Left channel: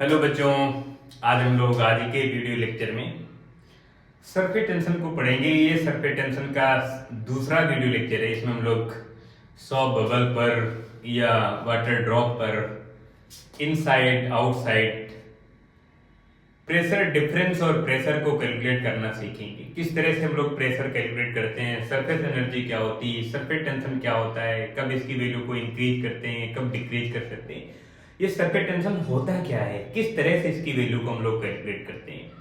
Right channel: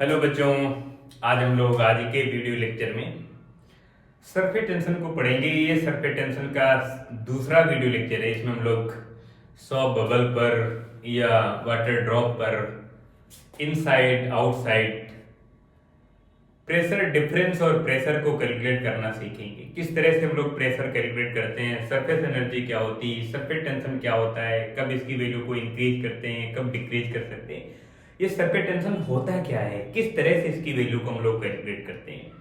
Hello बच्चों, आज हम लोग आज के वीडियो लेक्चर में सरफेस टेंशन को पढ़ेंगे। ये सरफेस टेंशन का दूसरा वीडियो लेक्चर है। इसमें हम लोग सॉफ्ट बबल पर या वाटर ड्रॉप पर, इनसाइड आउटसाइड, प्रेशर डिफरेंस और प्रेशर को कैलकुलेट करना सीखेंगे। किस तरह से हम लोग प्रेशर कैलकुलेट करते हैं, सरफेस एनर्जी क्या होती है, सरफेस टेंशन क्या होता है, कब इसकी वैल्यू को इंक्रीज करते हैं, कब डिक्रीज कर सकते हैं, ये सरफेस टेंशन होता क्या है, किस तरह से इसकी वैल्यू को हम लोग कैलकुलेट करते हैं।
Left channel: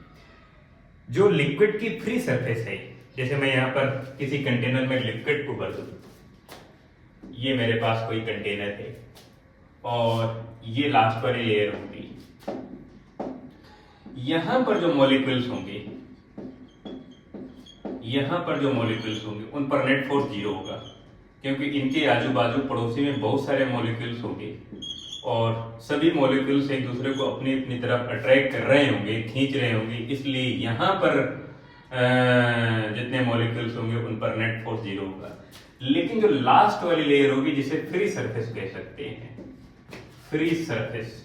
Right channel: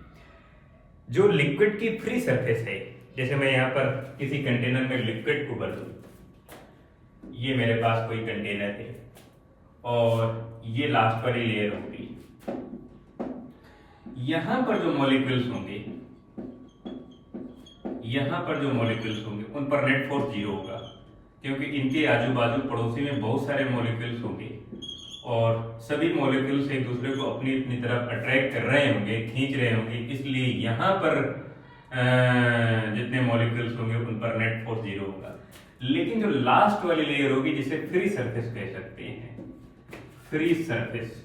जो लिक्विड की फ्री सरफेस है, जैसे मैं यहाँ पर किसी कंटेनर में लिक्विड को भर दूं, ये मेरे पास कोई कंटेनर है और ये लास्ट वाली लेयर होगी। यहां पर जो मॉलिक्यूल्स होंगे, यहां पर जो मॉलिक्यूल्स होंगे उन पर नेट फोर्स जीरो होगा, क्योंकि इनके आजू बाजू पड़ोसी में बहुत सारे मॉलिक्यूल्स होंगे और सभी मॉलिक्यूल्स एक दूसरे को अपनी अपनी तरफ अट्रैक्ट कर रहे होंगे, खींच रहे होंगे। इसलिए यहां पर जितने मॉलिक्यूल्स होंगे उन पर नेट फोर्स जीरो होगा। लेकिन जो लास्ट वाली लेयर होगी, जिसे फ्री सरफेस कह सकते हैं, free surface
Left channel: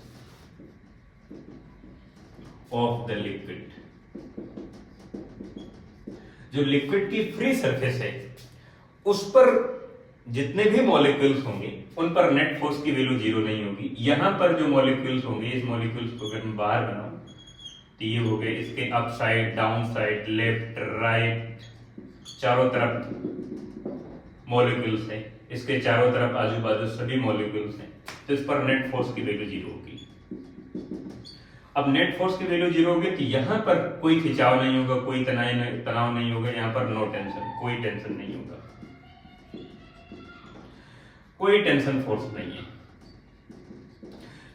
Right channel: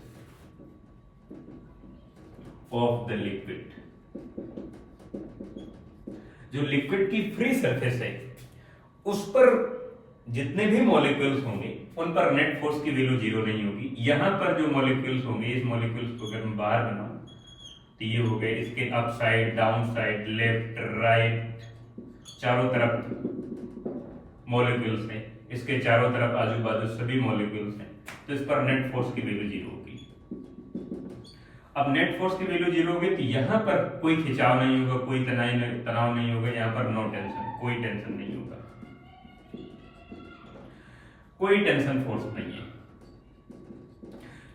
of the liquid, जो लिक्विड की फ्री सरफेस है उस पर जितने भी मॉलिक्यूल्स होंगे उन पर नेट फोर्स की वैल्यू जीरो नहीं होगी। यहां पर जो मॉलिक्यूल्स होंगे, इस मॉलिक्यूल्स को अगर मैं बाहर बनाऊं तो ये हो गए इसके up side, down side, left right, चारों तरफ मॉलिक्यूल्स हैं, इसके चारों तरफ आजू बाजू सभी मॉलिक्यूल्स हैं, तो इस पर नेट फोर्स की वैल्यू जीरो होगी। अब नेट फोर्स की वैल्यू जीरो होगी तो यहां पर कोई खिंचाव नहीं होगा, कोई तनाव नहीं होगा, यहां पर नो टेंशन, कोई टेंशन नहीं होगा, कोई टेंशन फोर्स नहीं है।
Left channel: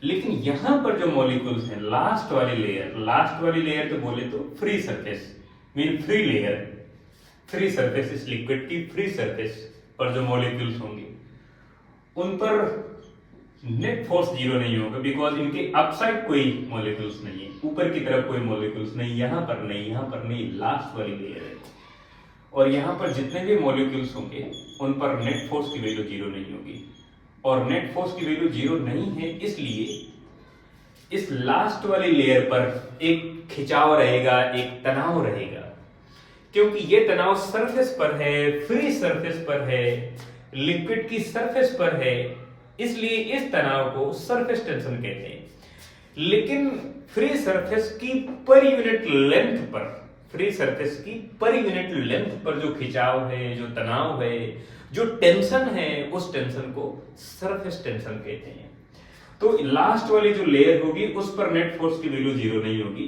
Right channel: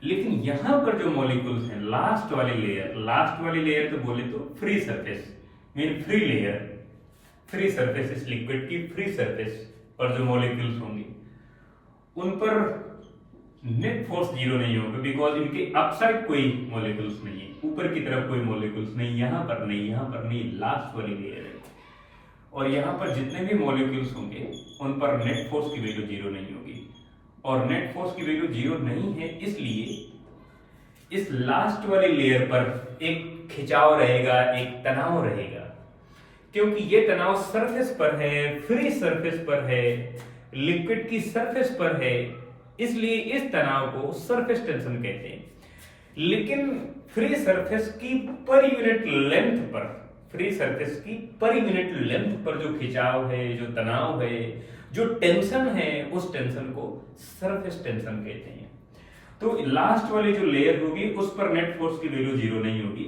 लेकिन यहां पर जो मॉलिक्यूल्स हैं, लास्ट वाली लेयर तो बोले तो free surface mean free layer, free surface, इस लिक्विड की फ्री सरफेस पर जो मॉलिक्यूल्स होंगे उन पर नेट फोर्स जीरो नहीं होगा, बिकॉज इनके अपसाइड कोई मॉलिक्यूल्स नहीं है, ऊपर की तरफ कोई मॉलिक्यूल्स नहीं, यहां पर नहीं, यहां पर नहीं, लास्ट वाली लेयर है। और यहां पर जितने भी मॉलिक्यूल्स होंगे उन पर नेट फोर्स की वैल्यू जीरो नहीं होगी। और नेट फोर्स की वैल्यू जीरो नहीं है, इसलिए इस लास्ट वाली लेयर पर एक खिंचाव रहेगा, एक तनाव रहेगा, क्योंकि ये तनाव सरफेस पर है, फ्री सरफेस पर है, लिक्विड की सरफेस पर है, इसलिए इस तनाव को सरफेस टेंशन कहते हैं। लेकिन फ्री सरफेस की पर यूनिट लेंथ पर, फ्री सरफेस की पर यूनिट लेंथ पर जो खिंचाव है, जो तनाव है, जो टेंशन है, उस टेंशन को सरफेस टेंशन कहते हैं। तो लास्ट वाली जो लेयर होगी उस पर नेट फोर्स की वैल्यू जीरो नहीं होगी,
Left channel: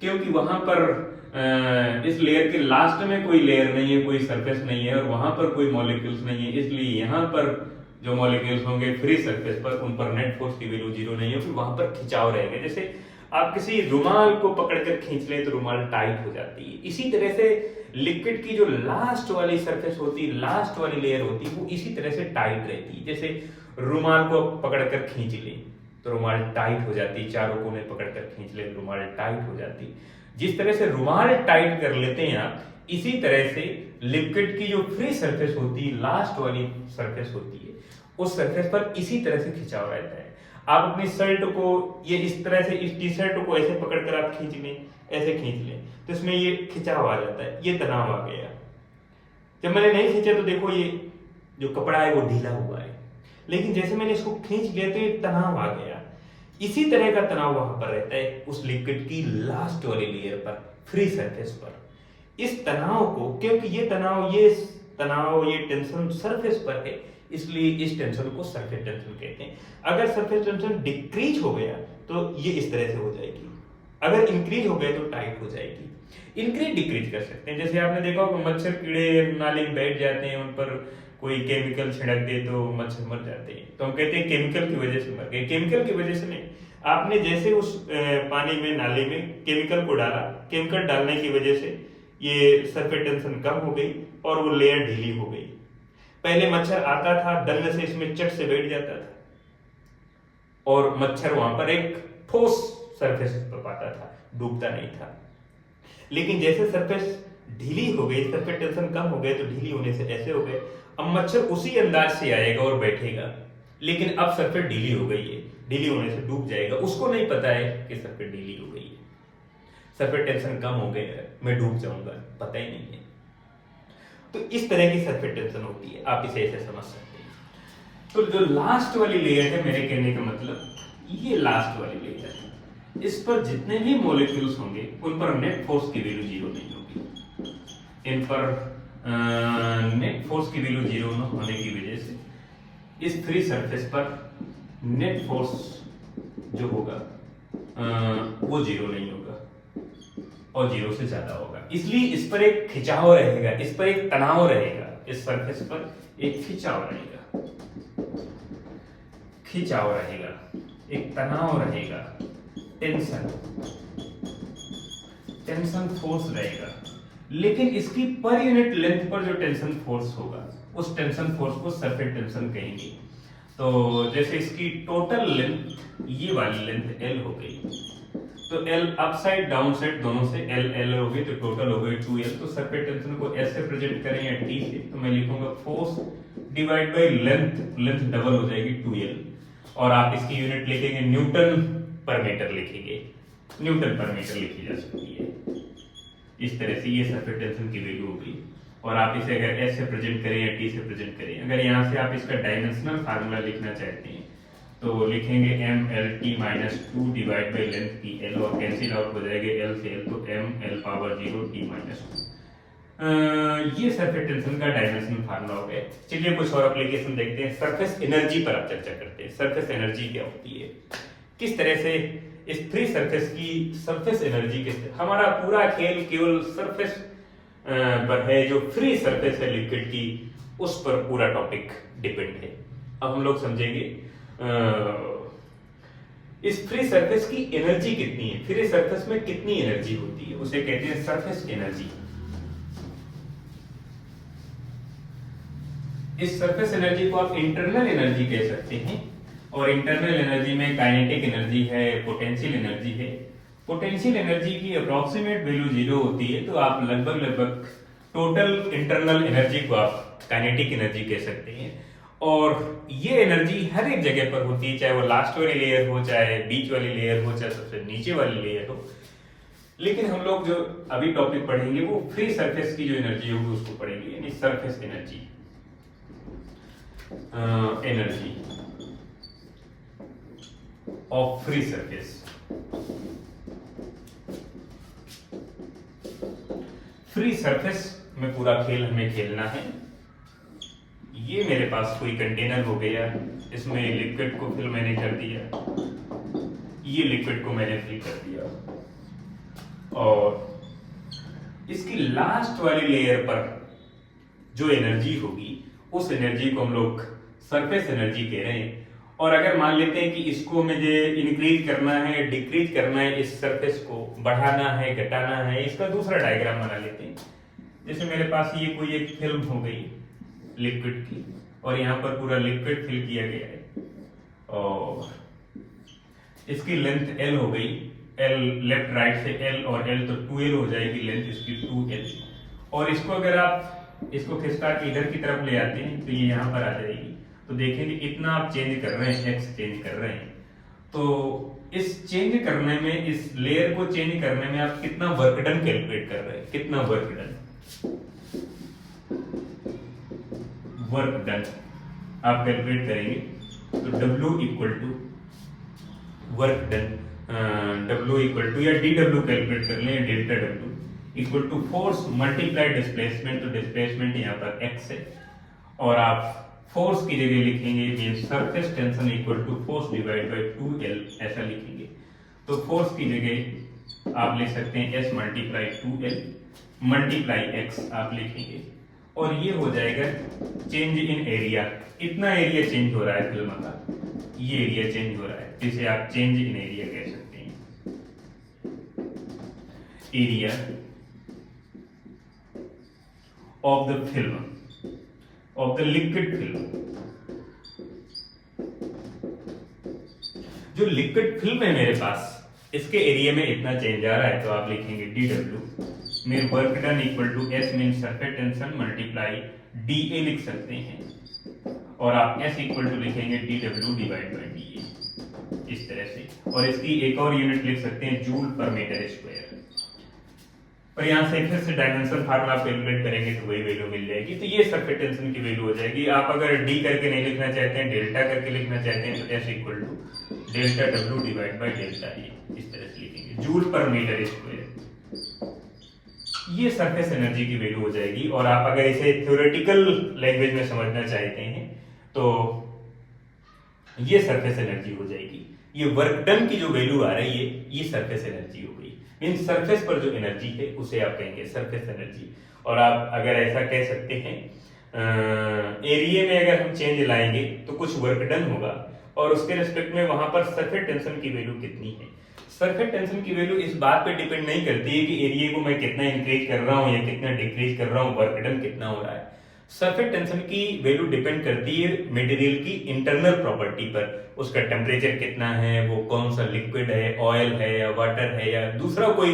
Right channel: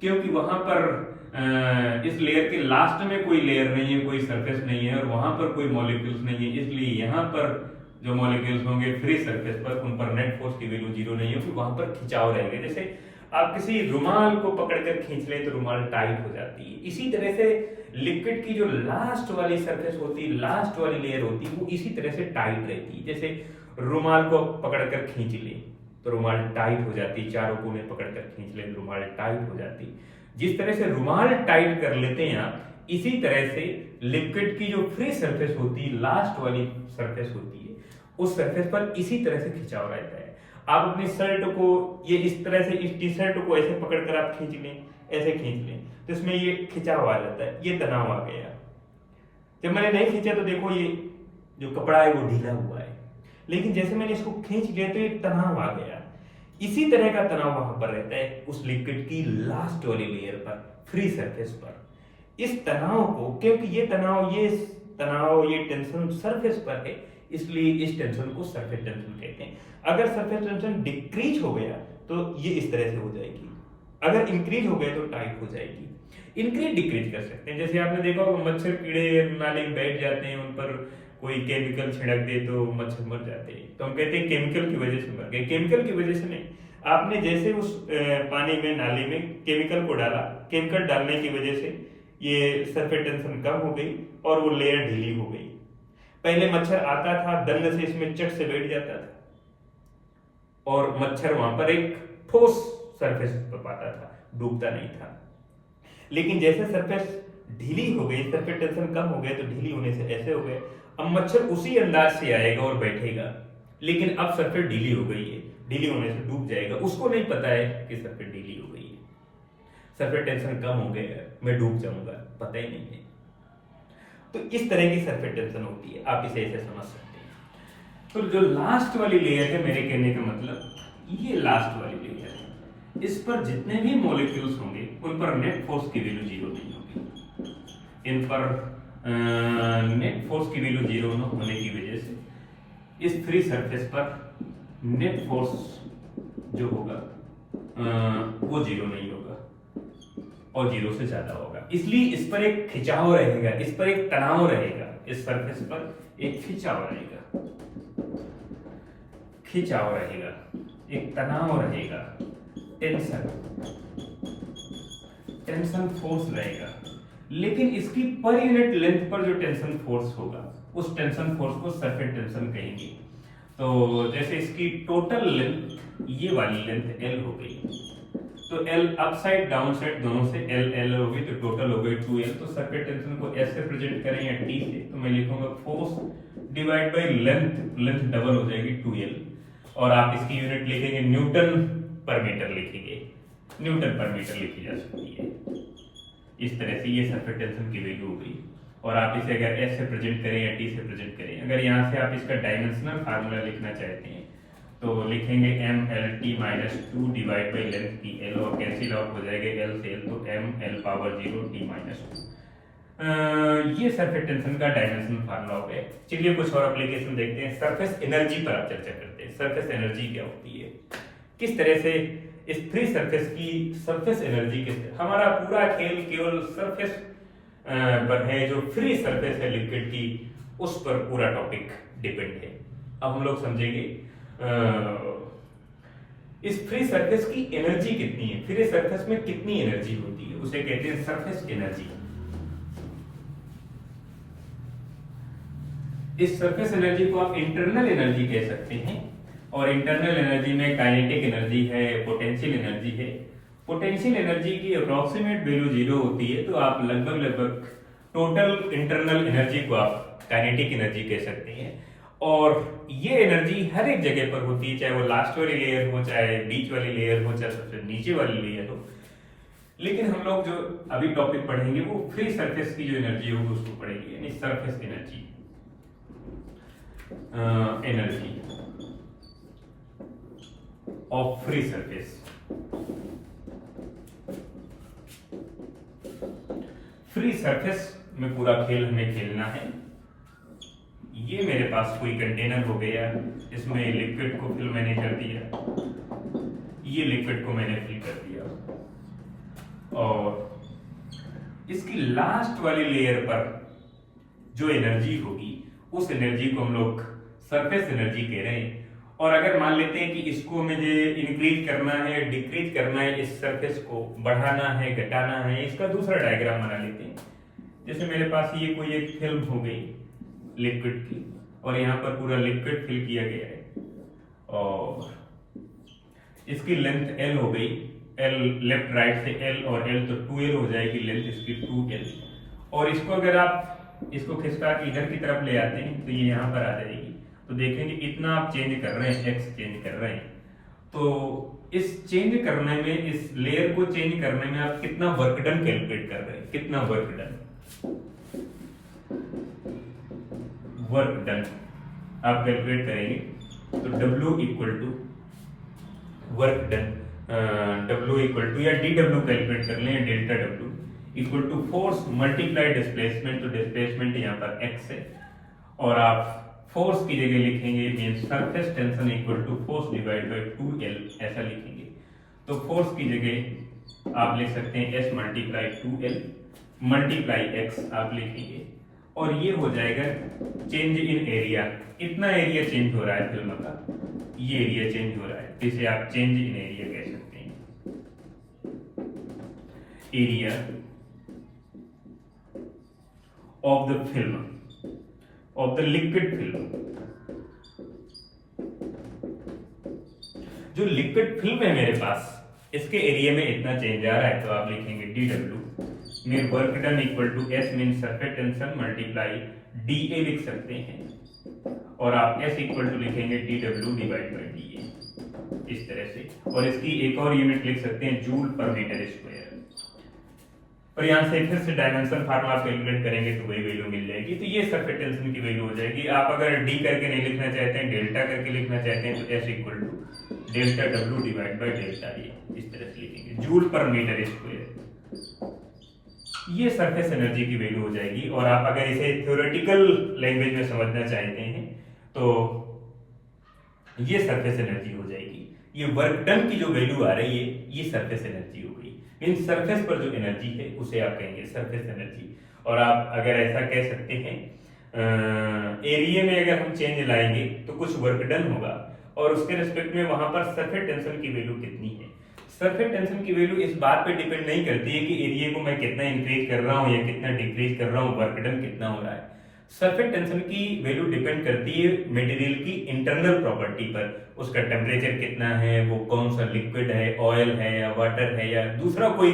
क्योंकि वहां पर इस लेयर के लास्ट में कोई लेयर नहीं है, कोई सरफेस नहीं है और वहां पर कोई मॉलिक्यूल्स नहीं है, इसलिए यहां पर जो मॉलिक्यूल्स होंगे फ्री सरफेस पर, उन पर नेट फोर्स की वैल्यू जीरो नहीं होगी, वहां पर खिंचाव रहेगा। जैसे आप किसी रुमाल को पकड़कर खींच ले तो रुमाल टाइट हो जाती है, इसी तरह से लिक्विड की जो लास्ट वाली सरफेस होती है, लास्ट वाली लेयर होती है, वो इसी तरह से टाइट रहती है। जैसे रुमाल को पकड़कर खींच ले तो रुमाल टाइट हो जाती है, चारों कोने पकड़कर खींच ले रुमाल टाइट हो जाती है। जिस तरह से रुमाल टाइट कर लेते हैं आप, इसी तरह से लिक्विड की जो फ्री सरफेस होती है, लास्ट वाली सरफेस होती है, उस सरफेस पर इसी तरह से खिंचाव रहता है। आप अपनी शर्ट को ये इस तरह से, इस टी शर्ट को ऐसे पकड़कर आप खींच लें, ऐसे खींच लें तो इसमें ये खिंचाव आ जाता है, ये तनाव आ गया। जब मैंने नहीं खींचा तो देखो ये जो कपड़ा है वो ढीला हुआ है, लेकिन जैसे मैंने इसको खींच लिया तो ये तनाव आ गया। इसी तरह का तनाव वहां पर रहता है उस लिक्विड की लास्ट वाली लेयर पर, फ्री सरफेस पर। इस तनाव को, क्योंकि ये तनाव ये टेंशन सरफेस पर है, इसलिए इस टेंशन को सरफेस टेंशन कहते हैं। अगर सरफेस टेंशन डिक्रीज हो गया तो ये इस तरह से हो जाएगी, अगर इंक्रीज हो गया तो टाइट हो जाएगी। इंक्रीज डिक्रीज कर सकते हैं, जैसे आपने देखा होगा मच्छर कीड़े नाली में बैठ जाते हैं, उन पर कोई केमिकल छिड़क दे तो मच्छर मर जाते हैं, तो हम कहते हैं केमिकल की वजह से मर गए। केमिकल की वजह से नहीं, आपने जैसे उस पानी में, नाली में केमिकल को डाला, केमिकल डालने की वजह से ये सरफेस टेंशन कम हो गई और वो लेयर ढीली हो गई। पहले मच्छर आता था, दंड से इसमें चट से बैठ जाता था और मच्छर वहां पर एक ठोस सरफेस पर पाता था, डूबता नहीं था। लेकिन जैसे सरफेस ढीली हो गई, सरफेस टेंशन कम हो गए तो ढीली होने से ऐसे हो गए, अब मच्छर उसी अंदाज से आएगा और बैठेगा। लेकिन अब सरफेस ढीली हो गई है, ढीली होने से डूब जाएगा, उसको नहीं पता है कि सरफेस ढीली हो गई है, सरफेस टेंशन कम हो गया है, मैं डूब जाऊंगा, पता ही नहीं है। तो इस तरह की सरफेस टेंशन होती है, आप इसे ऐसे समझ सकते हैं। तो जो लास्ट वाली लेयर है, मेरे कहने का मतलब ये लास्ट वाली लेयर है, इस पर जितने भी मॉलिक्यूल्स होंगे उन पर नेट फोर्स की वैल्यू जीरो नहीं होगी। इन पर नेट फोर्स की वैल्यू जीरो होने की वजह से इस फ्री सरफेस पर नेट फोर्स जो होगा वो जीरो नहीं होगा और जीरो से ज्यादा होगा, इसलिए इस पर एक खिंचाव रहेगा, इस पर एक तनाव रहेगा, इस सरफेस पर एक खिंचाव रहेगा, खिंचाव रहेगा, एक तनाव रहेगा, टेंशन, टेंशन फोर्स रहेगा। लेकिन इसकी पर यूनिट लेंथ पर जो टेंशन फोर्स होगा उस टेंशन फोर्स को सरफेस टेंशन कहेंगे। तो जैसे इसकी टोटल लेंथ, ये वाली लेंथ L हो गई, तो L up side down side दोनों से L हो गई, तो टोटल हो गई 2L। तो सरफेस टेंशन को S से प्रेजेंट करें या T से, तो मैं लिखूंगा force divide by length, length double हो जाएगी 2L, और आप इसकी यूनिट लिखेंगे न्यूटन पर मीटर लिखेंगे, न्यूटन पर मीटर लिखी जा सकती है। इस तरह से ये सरफेस टेंशन की वैल्यू हो गई। और आप इसे अगर S से प्रेजेंट करें या T से प्रेजेंट करें, अगर यहाँ से आप इसका डायमेंशनल फार्मूला लिखना चाहते हैं तो लिखेंगे MLT minus 2 divide by length की L, और कैंसिल आउट हो जाएगा L से L, तो ML पावर 0 T माइनस 2। ये सरफेस टेंशन का डायमेंशनल फार्मूला हो गया। चलिए कुछ और एप्लीकेशन देखते हैं। सरफेस एनर्जी पर आप चर्चा करते हैं। सरफेस एनर्जी क्या होती है, किस तरह से इस फ्री सरफेस की सरफेस एनर्जी के, हमारा पूरा खेल केवल सरफेस पर है, जो फ्री सरफेस है लिक्विड की, उस पर पूरा टॉपिक डिपेंड है। अब हम लोग समझेंगे इस फ्री सरफेस की एनर्जी कितनी है, फ्री सरफेस में कितनी एनर्जी होती है, उसे कहते हैं सरफेस एनर्जी। इस सरफेस एनर्जी को आप इंटरनल एनर्जी कह सकते हैं, और इंटरनल एनर्जी में काइनेटिक एनर्जी है, पोटेंशियल एनर्जी है। पोटेंशियल एनर्जी की अप्रोक्सीमेट वैल्यू जीरो होती है, तो आप लगभग टोटल इंटरनल एनर्जी को आप काइनेटिक एनर्जी कह सकते हैं। और ये एनर्जी हर एक जगह पर होती है, चाहे वो लास्ट वाली लेयर हो, चाहे बीच वाली लेयर हो, चाहे सबसे नीचे वाली लेयर हो। लेकिन हम लोग जो अभी टॉपिक पढ़ेंगे वो फ्री सरफेस की जो एनर्जी होगी उसको पढ़ेंगे, यानी surface energy, energy of free surface. Free surface में पूरा खेल हमें खेलना है। ये मेरे पास कोई कंटेनर हो गया, इसमें लिक्विड को फिल मैंने कर दिया, ये लिक्विड को मैंने फिल कर दिया, और इसकी लास्ट वाली लेयर पर जो एनर्जी होगी उस एनर्जी को हम लोग सरफेस एनर्जी कह रहे हैं। और अगर मान लेते हैं कि इसको मुझे इंक्रीज करना है, डिक्रीज करना है, इस सरफेस को बढ़ाना है, घटाना है, इसका दूसरा डायग्राम बना लेते हैं। जैसे मेरे पास ये कोई एक फिल्म हो गई लिक्विड की, और यहाँ पर पूरा लिक्विड फिल किया गया है, और इसकी लेंथ L हो गई, L लेफ्ट राइट से L, और L तो 2L हो जाएगी लेंथ इसकी 2L। और इसको अगर आप इसको खिसका के इधर की तरफ ले आते हैं तो ये यहाँ पर आ जाएगी। तो देखेंगे इतना आप चेंज कर रहे हैं, x चेंज कर रहे हैं, तो इस चेंज करने में, इस लेयर को चेंज करने में आप कितना वर्क डन कैलकुलेट कर रहे हैं, कितना वर्क डन, वर्क डन आप कैलकुलेट करेंगे तो W equal to work done, W equal to, या DW कैलकुलेट कर लें, delta W equal to force multiply displacement. तो डिस्प्लेसमेंट यहाँ पर x है, और आप फोर्स की जगह लिखेंगे surface tension equal to force divide by 2L, ऐसा लिखेंगे। तो फोर्स की जगह आप लिख सकते हैं S multiply 2L multiply x आप लिखेंगे, और ये हो जाएगा चेंज इन एरिया। इतना एरिया चेंज हो रहा है फिल्म का, ये एरिया चेंज हो रहा है, जिसे आप चेंज इन एरिया कह सकते हैं। Area of the film, of the liquid film. जो लिक्विड फिल्म है मेरे पास, इसके एरिया में इतना चेंज आ रहा है, तो आप लिखेंगे DW में work done equal to S mean surface tension multiply DA लिख सकते हैं। और आप S इक्वल टू लिखेंगे dW डिवाइड बाई dA, इस तरह से। और इसकी एक और यूनिट लिख सकते हैं जूल पर मीटर स्क्वायर। और यहाँ से फिर से डायमेंशन फार्मूला कैलकुलेट करेंगे तो वही वैल्यू मिल जाएगी। तो ये सरफेस टेंशन की वैल्यू हो जाएगी। आप अगर डी करके नहीं लिखना चाहते हैं, डेल्टा करके लिखना चाहते हैं, तो S equal to delta W divide by delta A, इस तरह से लिखेंगे जूल पर मीटर स्क्वायर। ये सरफेस एनर्जी की वैल्यू हो जाएगी। और आप अगर इसे थ्योरेटिकल लैंग्वेज में समझना चाहते हैं तो ये सरफेस एनर्जी हो जाएगी। ये वर्क डन की जो वैल्यू आ रही है ये सरफेस एनर्जी हो गई। मीन सरफेस पर जो एनर्जी है उसे आप कहेंगे सरफेस एनर्जी। और आप अगर ऐसा कह सकते हैं एरिया में अगर हम चेंज लाएंगे तो कुछ वर्क डन होगा और उसके रिस्पेक्ट में वहां पर सरफेस टेंशन की वैल्यू कितनी है। सरफेस टेंशन की वैल्यू इस बात पे डिपेंड नहीं करती है कि एरिया को मैं कितना इंक्रीज कर रहा हूं या कितना डिक्रीज कर रहा हूं, वर्क डन कितना हो रहा है। सरफेस टेंशन की वैल्यू डिपेंड करती है मटेरियल की इंटरनल प्रॉपर्टी पर। उसका टेम्परेचर कितना है, वो कौन सा लिक्विड है, ऑयल है या वाटर है या दूसरा कोई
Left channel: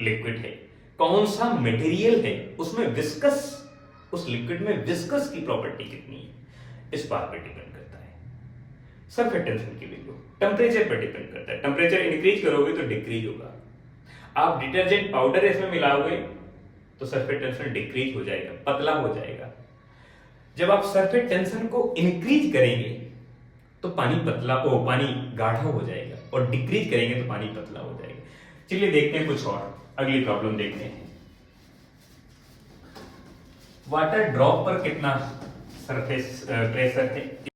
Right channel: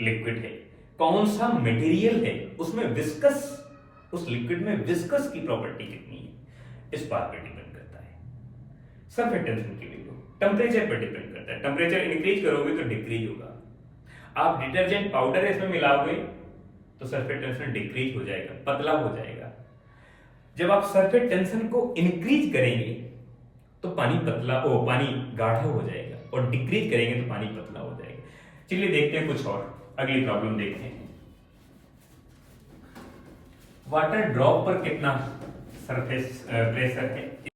लिक्विड है, कौन सा मटेरियल है, उसमें विस्कस, उस लिक्विड में विस्कस की प्रॉपर्टी कितनी है, इस बात पर डिपेंड करता है। सरफेस टेंशन की वैल्यू टेम्परेचर पर डिपेंड करता है। टेम्परेचर इंक्रीज करोगे तो डिक्रीज होगा। आप डिटर्जेंट पाउडर इसमें मिलाओगे तो सरफेस टेंशन डिक्रीज हो जाएगा, पतला हो जाएगा। जब आप सरफेस टेंशन को इंक्रीज करेंगे तो पानी पानी गाढ़ा हो जाएगा और डिक्रीज करेंगे तो पानी पतला हो जाएगा। चलिए देखते हैं कुछ और, अगली प्रॉब्लम देखते हैं। वाटर ड्रॉप पर कितना सरफेस प्रेशर है।